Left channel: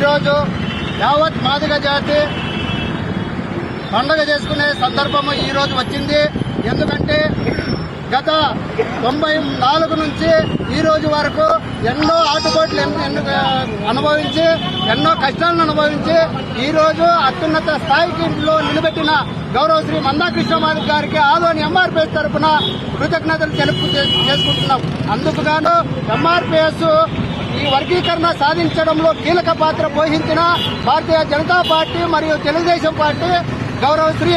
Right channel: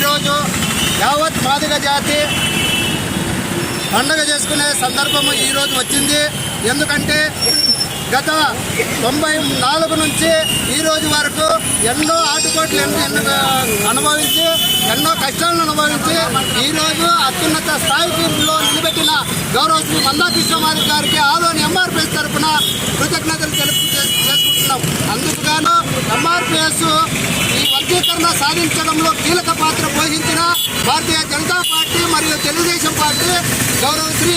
ఈరోజు యావత్ మాదిగ జాతి పండుగ చేసుకునే సందర్భము ఈరోజు వచ్చింది. ఎందుకంటే గత 94 నుంచి ఈ రోజు వరకు ఎన్నో ఆటుపోట్లు అనుభవించి ఎన్నో కష్టాలను అనుభవించి ఈరోజు అత్యున్నత స్థాయిలో నిలబెట్టిన గౌరవ శ్రీ మందాకృష్ణమాది గారికి ఆదోని ఎంఆర్పిఎస్ తరఫున కృతజ్ఞతలు చేసుకుంటున్నాం. అందుకు గాను ఎంఆర్పిఎస్ ఈ వర్గీకరణ సాధించడంలో కీలక పాత్ర పోషించిన భారతీయ జనతా పార్టీ మరియు తెలుగుదేశం పార్టీ గౌరవ శ్రీ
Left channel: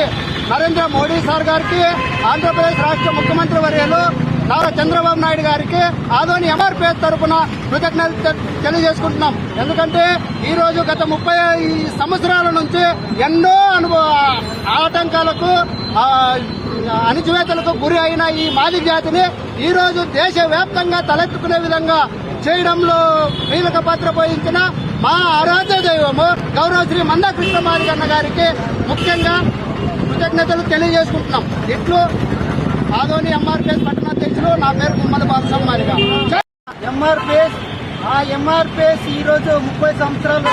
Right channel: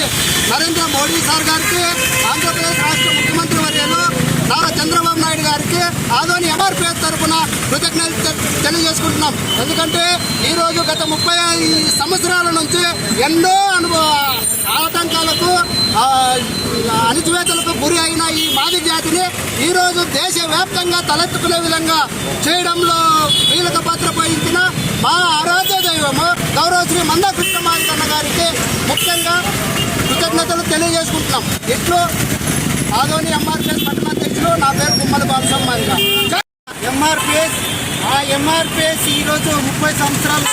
నరేంద్ర మోడీ సార్ గారికి, ఆంధ్రప్రదేశ్ రాష్ట్ర ముఖ్యమంత్రి వర్యులు నారా చంద్రబాబు నాయుడు గారికి ఆదోని ఎంఆర్పిఎస్ తరఫున కృతజ్ఞతలు తెలియజేసుకుంటున్నాం. ఎందుకంటే ఈరోజు గత 30 సంవత్సరాల నుంచి ఎన్నో ఆటంకాలకు అణిచివేతలకు గురి అయిన ఈ మాదిగ జాతిని ఈరోజు దేశవ్యాప్తంగా తలెత్తుకునే విధంగా చేయడంలో కీలక పాత్ర పోషించిన మా ఆరాధ్య దైవము గౌరవ శ్రీ మందాకృష్ణమాది అన్న గారికి ముఖ్యంగా కృతజ్ఞతలు తెలియజేసుకుంటున్నాం. ఇట్లు ఆదోని ఎంఆర్పిఎస్ పట్టణాధ్యక్షులు, నా పేరు గుమ్మల బాలసమ్మాదిగా. ఎంఆర్పిఎస్ ఈరోజు 30 సంవత్సరాలు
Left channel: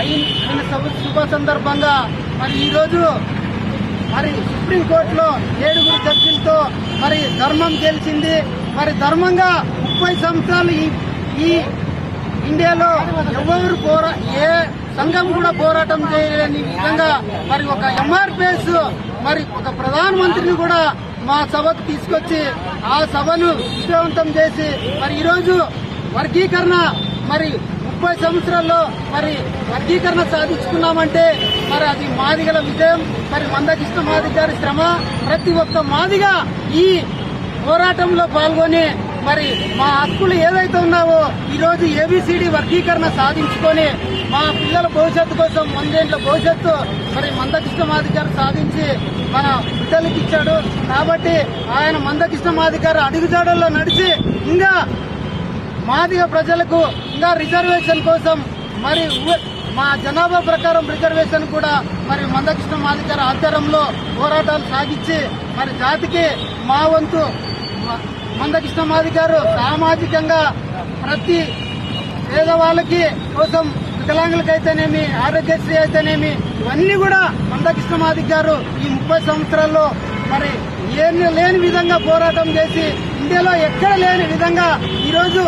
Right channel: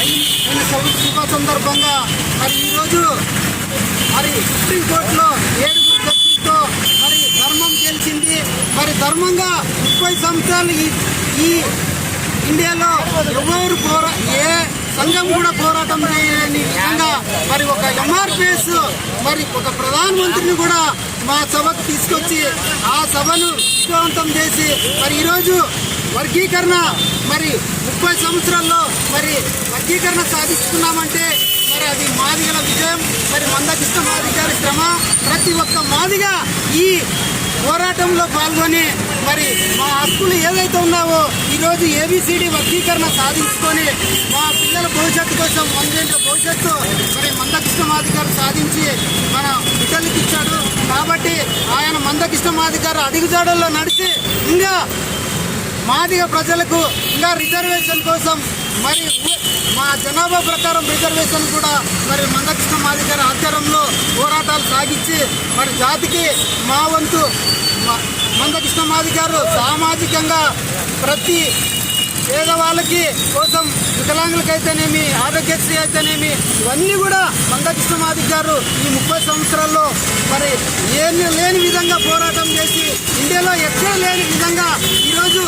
అయిన శుభ సందర్భంగా మరి ఈరోజు సుప్రీంకోర్టులో 7 జడ్జిలతో ధర్మం గెలిచింది. ధర్మంగా 30 సంవత్సరాలు ఈ ఇండియాలో ఎవరు ఏ సంఘం కూడా పోరాటం చేయలేని విధంగా ఒక ఎంఆర్పిఎస్ ఒక ప్రధానమంత్రిని కూడా మా సభకు తీసుకొచ్చి ఆ సభను విజయవంతం చేసి ఈరోజు వర్గీకరణ 30 సంవత్సరాల్లో వర్గీకరణ సాధిస్తున్నామంటే అది మాదిగల విజయం. మందాకృష్ణమాది గారి శ్రమ. ప్రతి ఒక్క మాదిగా ఈ పోరాటంలో పాల్గొని మా హక్కులు ఏవైతే ఉన్నావో ఈరోజు ఏబిసిడి వర్గీకరణ సాధించుకొని మా పిల్లల భవిష్యత్తు కోసం 100 ఏళ్ల భవిష్యత్తు మందాకృష్ణమాది గారు సాధించి మన బిడ్డలకి ఇచ్చాడు. కాబట్టి ఆయన మందాకృష్ణమాది గారు అడుగుజాడల్లో నడిచి ఇంకా మాదిగ ప్రజలకు ఇంకా రిజర్వేషన్ కోసం మా జనాభా ప్రకారం రిజర్వేషన్ కూడా మందాకృష్ణమాది గారి ఆధ్వర్యంలో పోరాటాలు సాగించి జాతికి మా వంతు మందాకృష్ణమాది గారు సామాజికంగా ప్రతి పేదవాళ్ళకి కోసం వికలాంగులకైతేనేమి, ఆరోగ్యశ్రీ అయితేనేమి, ఇవన్నీ కూడా మందాకృష్ణమాది గారు ఈ 30 సంవత్సరాల్లో ఏమీ లేని విధంగా పోరాటం చేసి ఇండియాలో ఎక్కడ లేని విధంగా ఈరోజు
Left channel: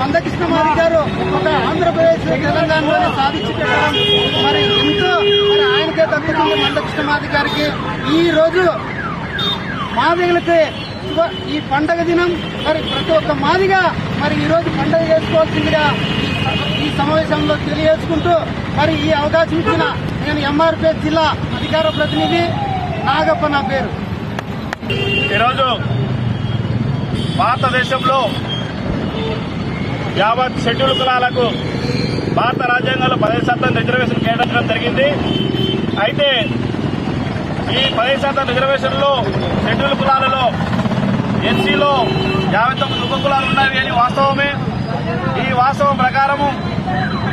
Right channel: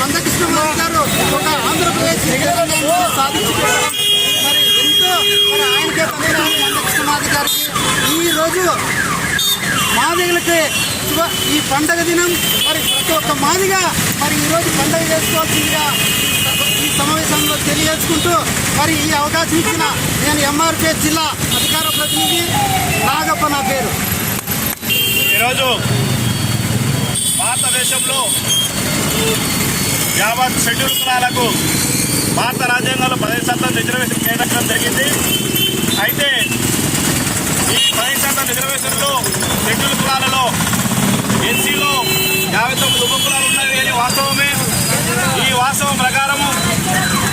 మందాకృష్ణమాది గారు ఒక ఆంధ్రప్రదేశ్ తెలంగాణలోనే సాధించి పెట్టడం ఎంతో ఆయనకే దక్కుతుంది. మందాకృష్ణమాది గారికి ఈరోజు మాదిగలకి ఈ పండగ దినం ప్రతి ఒక్క మాదిగా ఈరోజు పండగ చేసుకోవాల్సిందిగా ఈ సమావేశంలో తెలియజేసుకుంటూ ఈ అవకాశం ఇచ్చిన నేను ఎంఆర్పిఎస్ జిల్లా అధికార ప్రతినిధి నాగప్ప నా పేరు. ఈరోజు భారతదేశంలో యావత్ షెడ్యూల్ కులాలకు భారత రాజ్యాంగంలో 10% రిజర్వేషన్ కేటాయించడం జరిగింది. అయితే ఈ 10% రిజర్వేషన్లో షెడ్యూల్ కులాలలో ఎన్సీలో 59 ఉపకులాలు ఉన్నాయి అని వాస్తవమే. ఈ వాస్తవం ప్రకారము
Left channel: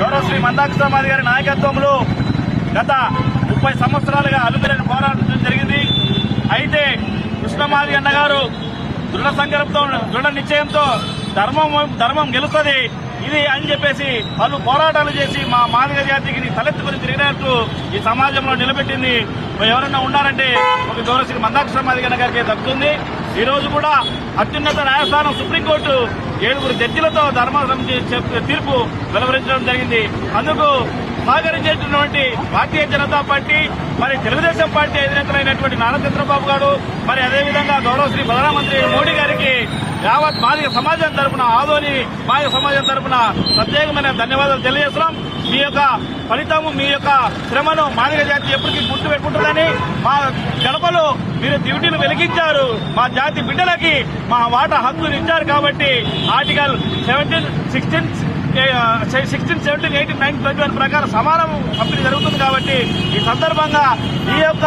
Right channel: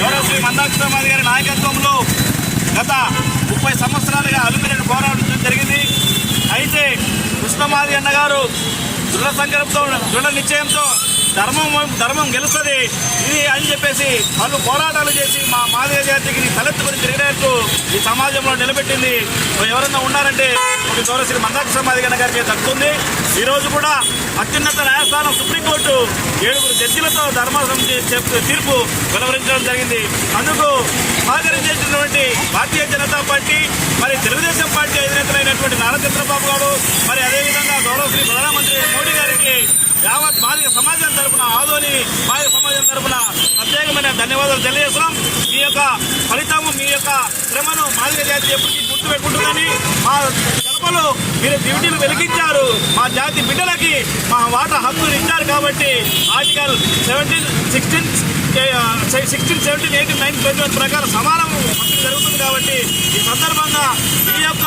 గౌరవ శ్రీ మందాకృష్ణమాది గారి నాయకత్వంలో గత 30 సంవత్సరాలుగా అలుపెరగని పోరాటం జరిగింది. అయితే కృష్ణమాది అన్నగారు దృఢ సంకల్పంతో, దృఢ నిశ్చయంతో ధర్మం గెలుస్తుంది ఇది అని చెప్పేసి వాళ్ళు పోరాటాలు చేసి మా మాదిగ జాతికి తలెత్తుకుని తిరిగినట్టు ఈ సమాజంలో నిలబెట్టింది. ఎవరన్నా ఉన్నారంటే ఒక గౌరవ శ్రీ మందాకృష్ణమాది అన్న గారికి దక్కుతుంది. ఈరోజు కూడా అత్యున్నత న్యాయస్థానం సుప్రీంకోర్టు 7 జడ్జిలతో తీర్పు వెలువరించడం జరిగింది. అందుకు సహకరించేటటువంటి భారతీయ జనతా పార్టీ తెలుగుదేశం పార్టీ అధినేతలైనటువంటి నారా చంద్రబాబు గారు అదేవిధంగా గౌరవ శ్రీ ప్రధానమంత్రి మోడీ గారికి యావత్ మాదిగ సమాజం తరఫున, ఆదోని మాదిగ సమాజం తరఫున ప్రత్యేకమైన ధన్యవాదాలు తెలియజేస్తున్నాం. మీ యొక్క ఫలితము, మీ యొక్క శ్రమను మాదిగ జాతి ఎప్పటికీ గుర్తు పెట్టుకుంటుందని మా గడపలో మీరు డ్యూటీలు వెలిగించారు. మా జాతి బిడ్డలకి మా వాటా హక్కులు ఇచ్చారు. కాబట్టి ఆర్టికల్ 17, 16, 17, 18, 19 ప్రకారం సమానం పంపిణీ జరుగుతుంది. కాబట్టి ఈ సందర్భంగా ఈ యొక్క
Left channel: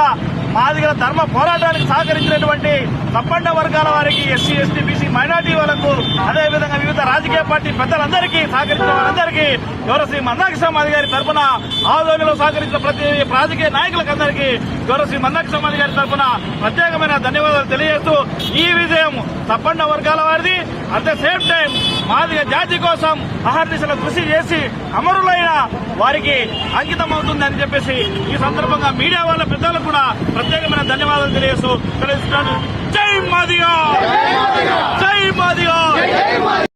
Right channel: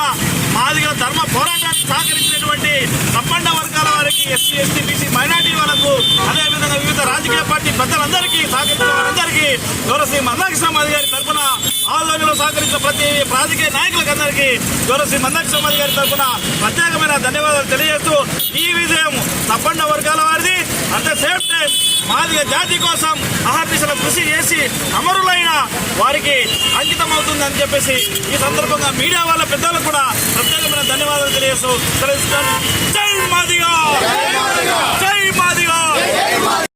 మాదిగల ధర్మ పోరాటానికి సహకరించినటువంటి సంపన్న వర్గాల వారికి, ఎస్సీ, ఎస్టీ, బీసీ, మైనార్టీ వాళ్ళకు, అదేవిధంగా వివిధ రాజకీయ పార్టీ పెద్దలందరికీ సహకరించిన వారందరికీ గౌరవ శ్రీ మందాకృష్ణమాది గారి తరఫున, ఆదోనిలో సహకరించిన ప్రతి రాజకీయ నాయకులకు అందరికీ గౌరవ శ్రీ మందాకృష్ణమాది గారి తరఫున ప్రత్యేకమైన ధన్యవాదాలు తెలియజేస్తూ ఈ విజయం సంపన్న వర్గాల వారిది, at the same time Madiga జాతి కోసం అహర్నిశలు కృషి చేసి అమరులైన వారికి అంకితం అవుతుంది అని చెప్పేసి ఈ సందర్భంగా మీడియా వాళ్ళ పెద్దలకు కూడా ప్రత్యేకమైన ధన్యవాదాలు తెలియజేస్తూ తెలుస్తున్నాను. జై మాదిగ, జై మాదిగ.